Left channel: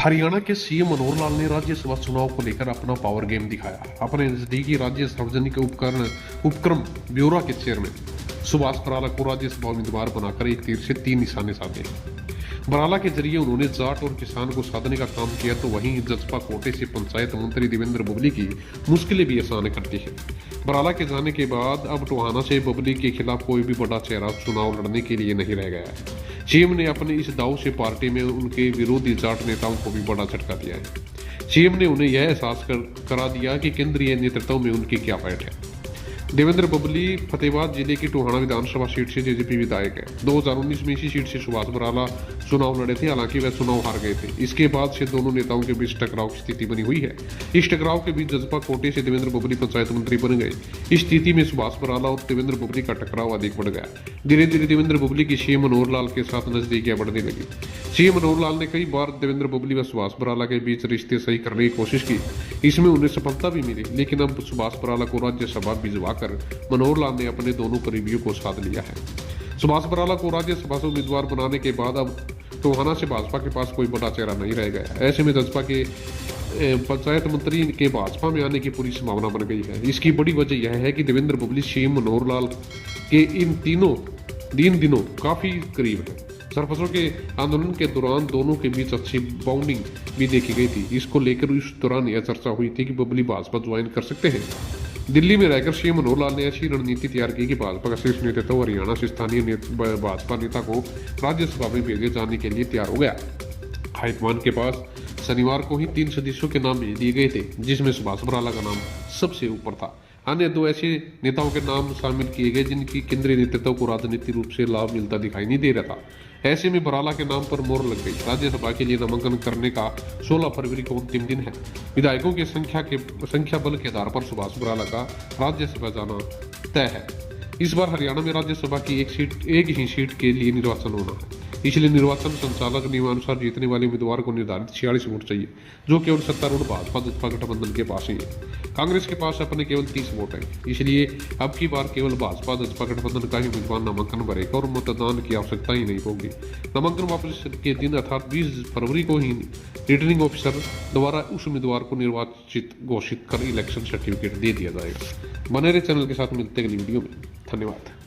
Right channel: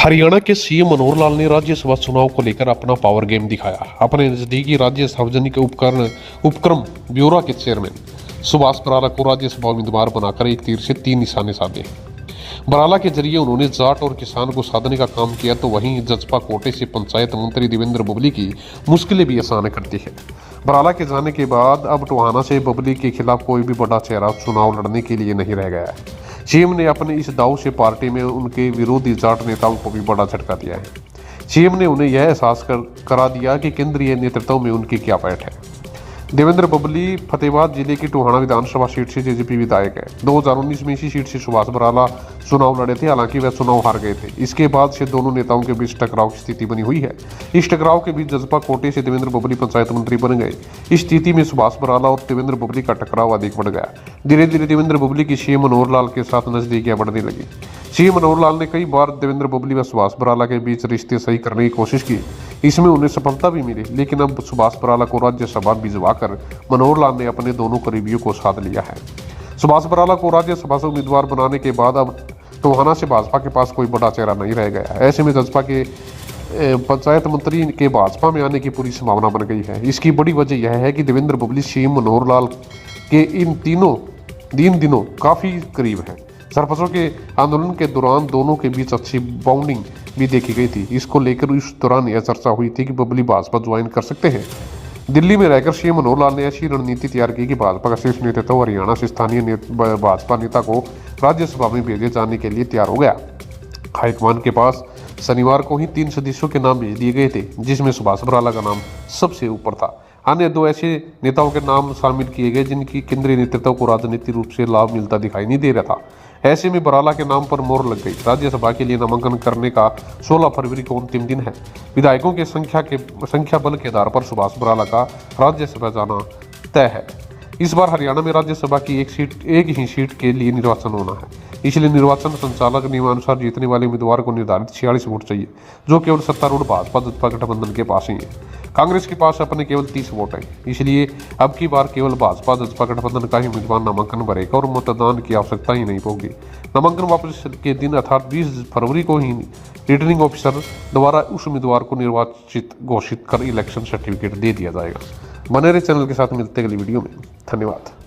हरियाणा के सीएम मनोहर लाल ने राज्यसभा चुनाव को लेकर अपना पावर गेम दिखाया। अपने नजदीकी राज्य सार्वजनिक उपक्रम ब्यूरो के चेयरमैन सुभाष बराला को राज्यसभा उम्मीदवार बनाकर एक तीर से 3 निशाने साधे। बराला के जरिए उन्होंने जाट और किसान को साधने का काम किया, तो वहीं जजपा कोटे से पंचायत मंत्री देवेंद्र बबली की मुश्किलें भी आसान कर दी है। बराला के जाने के बाद अब टोहाना से बबली के खिलाफ कोई भी बड़ा चेहरा चुनाव लड़ने के लिए नहीं रह गया है। सीएम ने अपने इस दाव से पार्टी में उनके विरोधी जाट नेताओं को भी बड़ा झटका दिया है। सीएम ने उन्हें यह एहसास करा दिया कि केंद्रीय नेतृत्व में उनकी क्या पैठ है। देवेंद्र बबली फतेहाबाद जिले की टोहाना विधानसभा सीट से जेजेपी विधायक है। 2019 में इसी सीट से सुभाष बराला चुनाव लड़े थे, हालांकि वह चुनाव हार गए थे। इसके बाद से दोनों नेताओं के बीच टकराव की स्थिति बनी हुई है। इस टकराव के बीच जजपा कोटे से देवेंद्र बबली पंचायत मंत्री बन गए। इस स्थिति में सुभाष बराला और देवेंद्र बबली का टकराव अधिक बढ़ गया। धीरे धीरे देवेंद्र बबली की सीएम मनोहर लाल के साथ नजदीकियां बढ़ने लगी। सीएम मनोहर लाल ने कई बार देवेंद्र बबली व सुभाष बराला के बीच रिश्ते सही करने की कोशिश की। इसमें उन्हें सफलता भी मिली, लेकिन अब सुभाष बराला को राज्यसभा भिजवाकर मनोहर लाल ने अपने दोनों करीबियों को साध लिया है। सुभाष बराला को राज्यसभा से उम्मीदवार बनाने के बाद अब टोहाना से भाजपा के पास कोई बड़ा चेहरा नहीं रह गया। ऐसे में जजपा के पंचायत मंत्री के भाजपा में आने की पूरी संभावना बन गई है। इसकी बड़ी वजह यह है कि देवेंद्र बबली सीएम मनोहर लाल के इन दिनों काफी करीब है। सरपंचों के आंदोलन के दौरान दोनों के बीच अच्छी बाउंडिंग भी देखी गई थी। इसको लेकर उस दौरान यह चर्चा हुई थी कि बबली भाजपा ज्वाइन कर सकते हैं। दिल्ली में रहकर सीएम मनोहर लाल ने ऐसी रणनीति तैयार की कि भाजपा का शीर्ष नेतृत्व हरियाणा से स्थानीय भाजपा नेता को राज्यसभा में भेजे जाने के लिए तैयार हो गया। हाईकमान के पास शनिवार को ही 3 सदस्यों के नाम भेज दिए गए थे, जिसमें सुभाष बराला का नाम सबसे ऊपर था। अन्य 2 ऐसे नेताओं के नाम शामिल किए गए जिनकी केंद्रीय नेतृत्व को राजनीतिक रूप से लाभ मिलता दिखाई नहीं दे रहा था। ऐसे में बराला के नाम पर मोहर लग गई। राज्यसभा के लिए नामांकन करने का 16 फरवरी को अंतिम दिन है। विधायकों की संख्या बल के आधार पर सुभाष बराला का राज्यसभा जाना तय है। इस बार हरियाणा में राज्यसभा की एक ही सीट के लिए निर्वाचन होना है। इसलिए निर्वाचन संचालक नियमानुसार जीतने वाले उम्मीदवार को निर्धारित 46 वोट चाहिए, जो केवल सत्तारूढ़ भाजपा जजपा गठबंधन के पास ही है। कांग्रेस के पास अपने केवल 30 वोट हैं। इसलिए अब की बार केवल भाजपा जजपा गठबंधन का ही उम्मीदवार नामांकन भरेगा और मतदान की आवश्यकता ही नहीं होगी। नामांकन वापस के दिन अर्थात 20 फरवरी को ही रिटर्निंग ऑफिसर द्वारा उस उम्मीदवार को निर्वाचित घोषित कर इलेक्शन सर्टिफिकेट दे दिया जाएगा। बने रहे चैनल के साथ, मिलते अगली वीडियो में। धन्यवाद।